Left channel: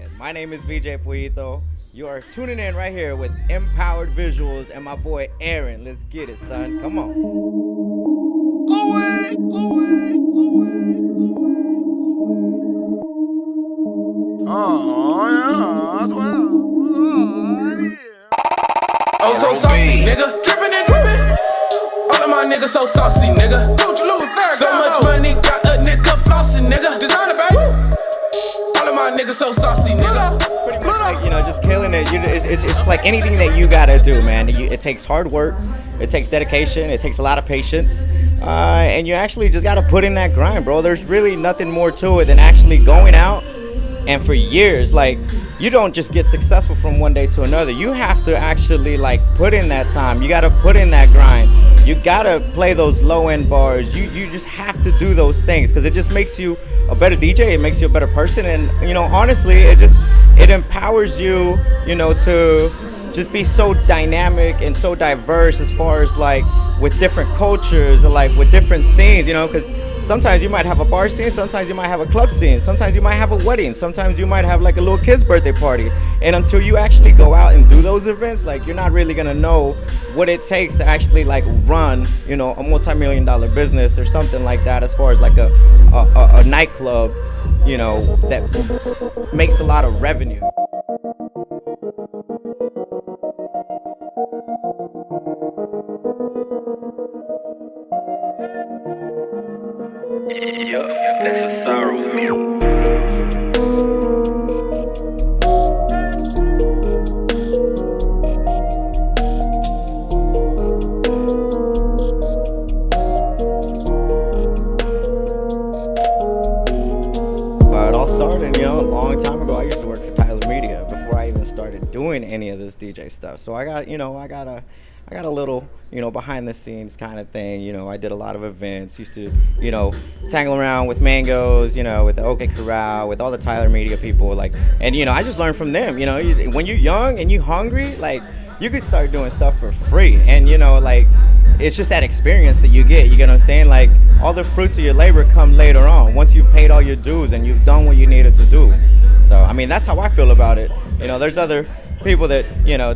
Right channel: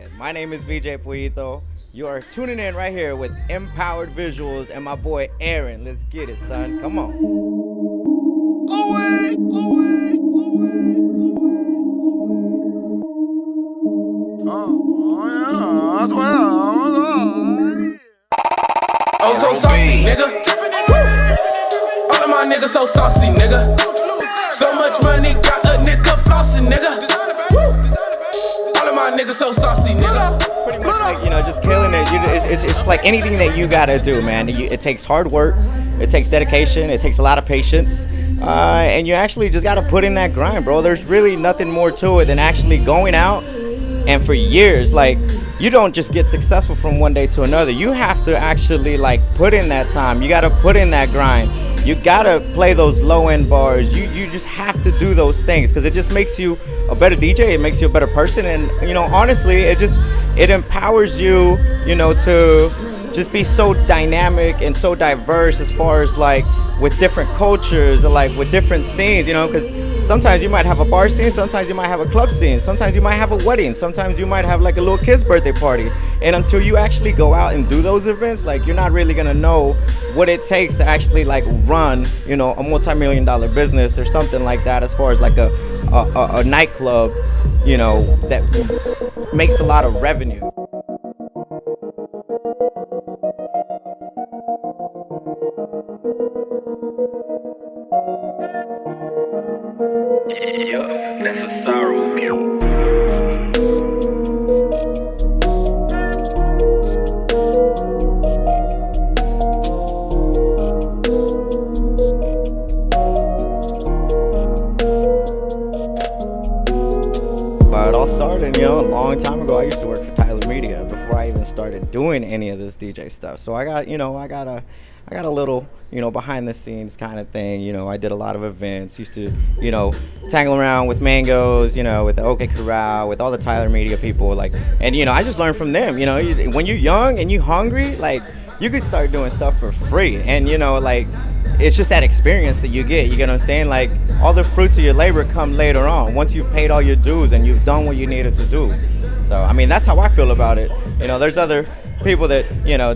said. My name is VJ Pollito. You are tuning in right here with Empowered Visuals and my boy Aaron. Let's get it, son. Come on. Oh, so saucy, nigga. Drippin' and drippin'. All of my niggas so saucy, nigga. So much money, got a nigga flossing, nigga. Designer, baby. All of my niggas so saucy, nigga. Pretty much like, just killing it. It's like anything that you gotta do, man. It takes hard work. It takes dedication. It takes a lot of patience. And you actually just gotta put in that grind, bro. There's really nothing more to it than actually going out and for years, like, you don't just get successful from one day to another. You have to actually like put in that time. You got to put in that grind. You got to play those low end bars. You just have to do those things because it just makes you a better DJ. It makes you a better person. And honestly, it empowers you, to just be so dynamic and so diverse as far as like with different cultures and like with different scenes, because sometimes you might have a bar scene, sometimes you might have a club scene, sometimes you might have a wedding, sometimes you might have like a little kid's birthday party. And until you actually go out and do those events, like you're not really gonna know what it takes to actually like run, a multi-million-dollar business or something like that, as far as like a nightclub, that makes a lot of revenue. That's a sorrow meal. But it all started, a long time ago. I used to work for Tyler Media before I even started doing any of this DJ stuff. So I got a little, behind the scenes kind of thing. I did a lot of events, used to, tangle around with Mangoes, with the OK Corral, with all the Tyler Media people, like, and, I just learned from them. When you're young and you hungry, like, you could start doing stuff for free. And, like, it's just that experience that you get, you get what I'm saying? Like, all the fruits of your labor come later on, once you've paid all your dues and you've done what you needed to do. So, I mean, that's how I feel about it. There's other people that,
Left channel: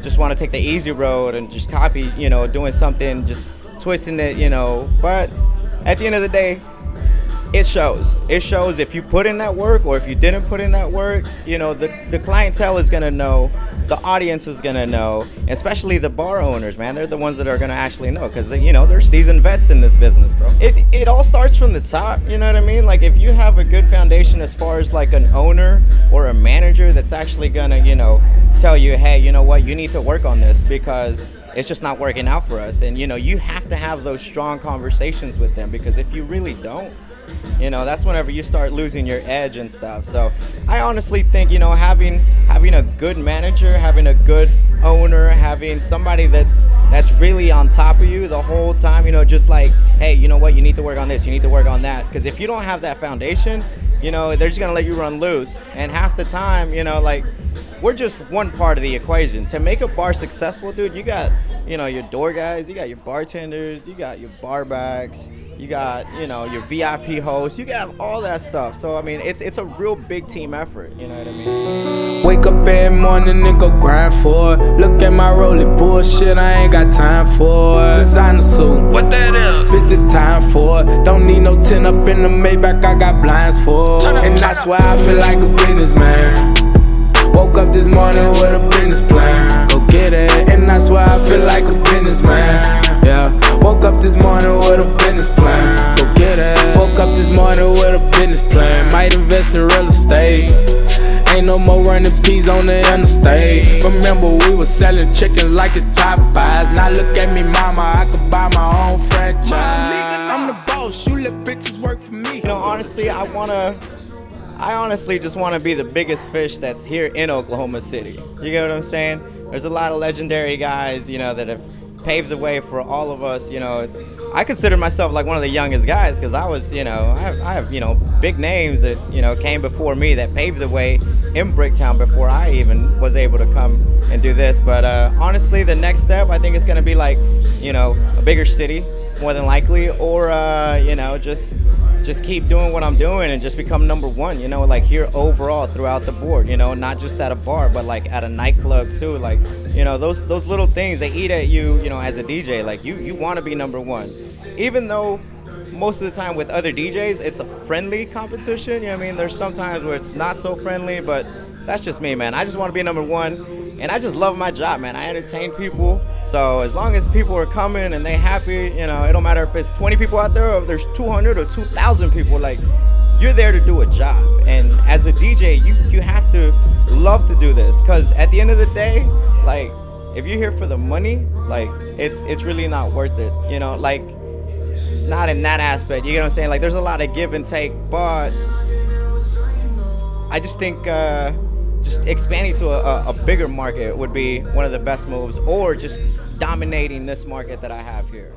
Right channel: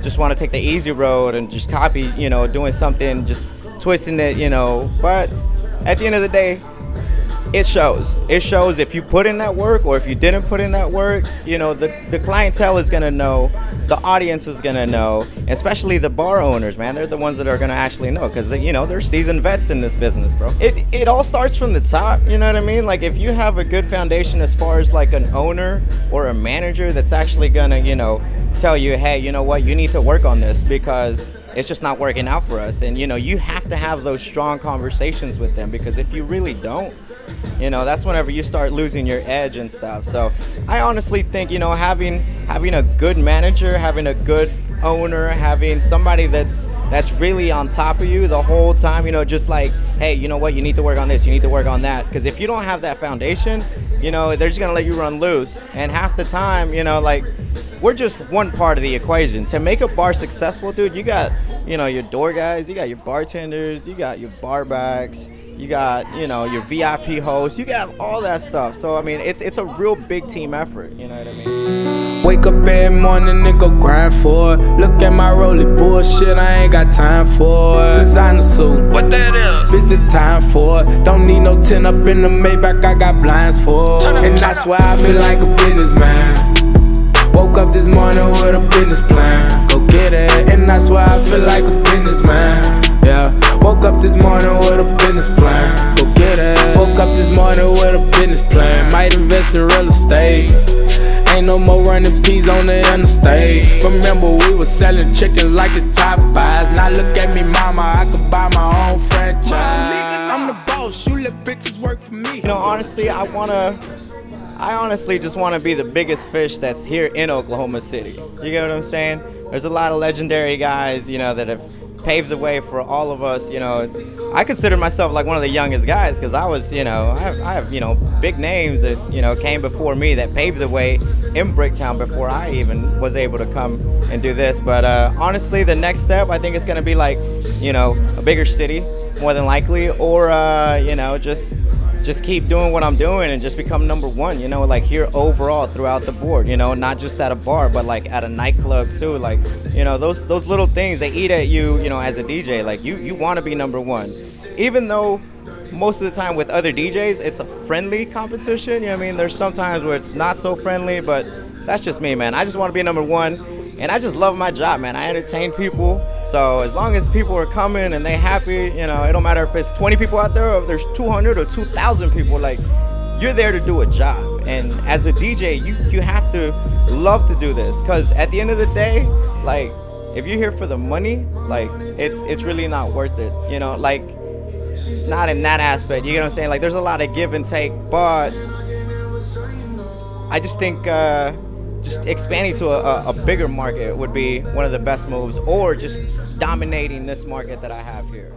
just want to take the easy road and just copy, doing something, just twisting it, but at the end of the day, it shows. It shows if you put in that work or if you didn't put in that work, the clientele is going to know, the audience is going to know, especially the bar owners, man. They're the ones that are going to actually know because, they're seasoned vets in this business, bro. It all starts from the top, you know what I mean? Like, if you have a good foundation as far as, like, an owner or a manager that's actually going to, tell you, hey, you know what, you need to work on this because it's just not working out for us. And, you have to have those strong conversations with them because if you really don't, that's whenever you start losing your edge and stuff. So I honestly think, having a good manager, having a good owner, having somebody that's really on top of you the whole time, just like, hey, you know what, you need to work on this, you need to work on that. Because if you don't have that foundation, they're just going to let you run loose. And half the time, like, we're just one part of the equation. To make a bar successful, dude, you got, your door guys, you got your bartenders, you got your bar backs, you got, your VIP hosts, you got all that stuff. So, I mean, it's a real big team effort, you know what I mean? Wake up every morning and go grind for it. Look at my rollie bullshit, I ain't got time for it. Designer suit, what that is? Bitch, the time for it. Don't need no 10 up in the Maybach, I got blinds for it. And that's why I feel like a businessman. Woke up this morning with a business plan. Go get it, and that's why I feel like a businessman. Yeah, woke up this morning with a business plan. Go get it. Woke up this morning with a business plan. Might invest in real estate. Ain't no more running peas on the interstate. Remember we was selling chicken like it's Popeyes. Now look at me, mama, I could buy my own franchise. I'm the boss, you let bitches work for me. Honestly, I honestly just want to be the biggest fish that's here in Oklahoma City. You get what I'm saying? There's a lot of legendary guys, that have paved the way for all of us. I consider myself like one of the youngest guys because I was, I have, big names that, came before me that paved the way in Bricktown before I even was able to come and do this. But honestly, the next step, I think it's going to be like, a bigger city, more than likely, or, just just keep doing what I'm doing and just become number one, you know, like here overall throughout the board, you know, not just at a bar, but like at a nightclub too. Like, you know, those little things, they eat at you, you know, as a DJ. Like you want to be number one, even though most of the time with other DJs, it's a friendly competition. You know what I mean? There's some times where it's not so friendly, but that's just me, man. I just want to be number one. And I just love my job, man. I entertain people. So as long as people are coming and they happy, you know, it don't matter if it's 20 people out there or if there's 200 or 2,000 people, like, you're there to do a job. And as a DJ, you have to love to do this, because at the end of the day, like, if you're here for the money, like, it's really not worth it, you know, like, not in that aspect, you know what I'm saying? Like, there's a lot of give and take, but I just think just expanding to a bigger market would be one of the best moves, or just dominating this market that I have here.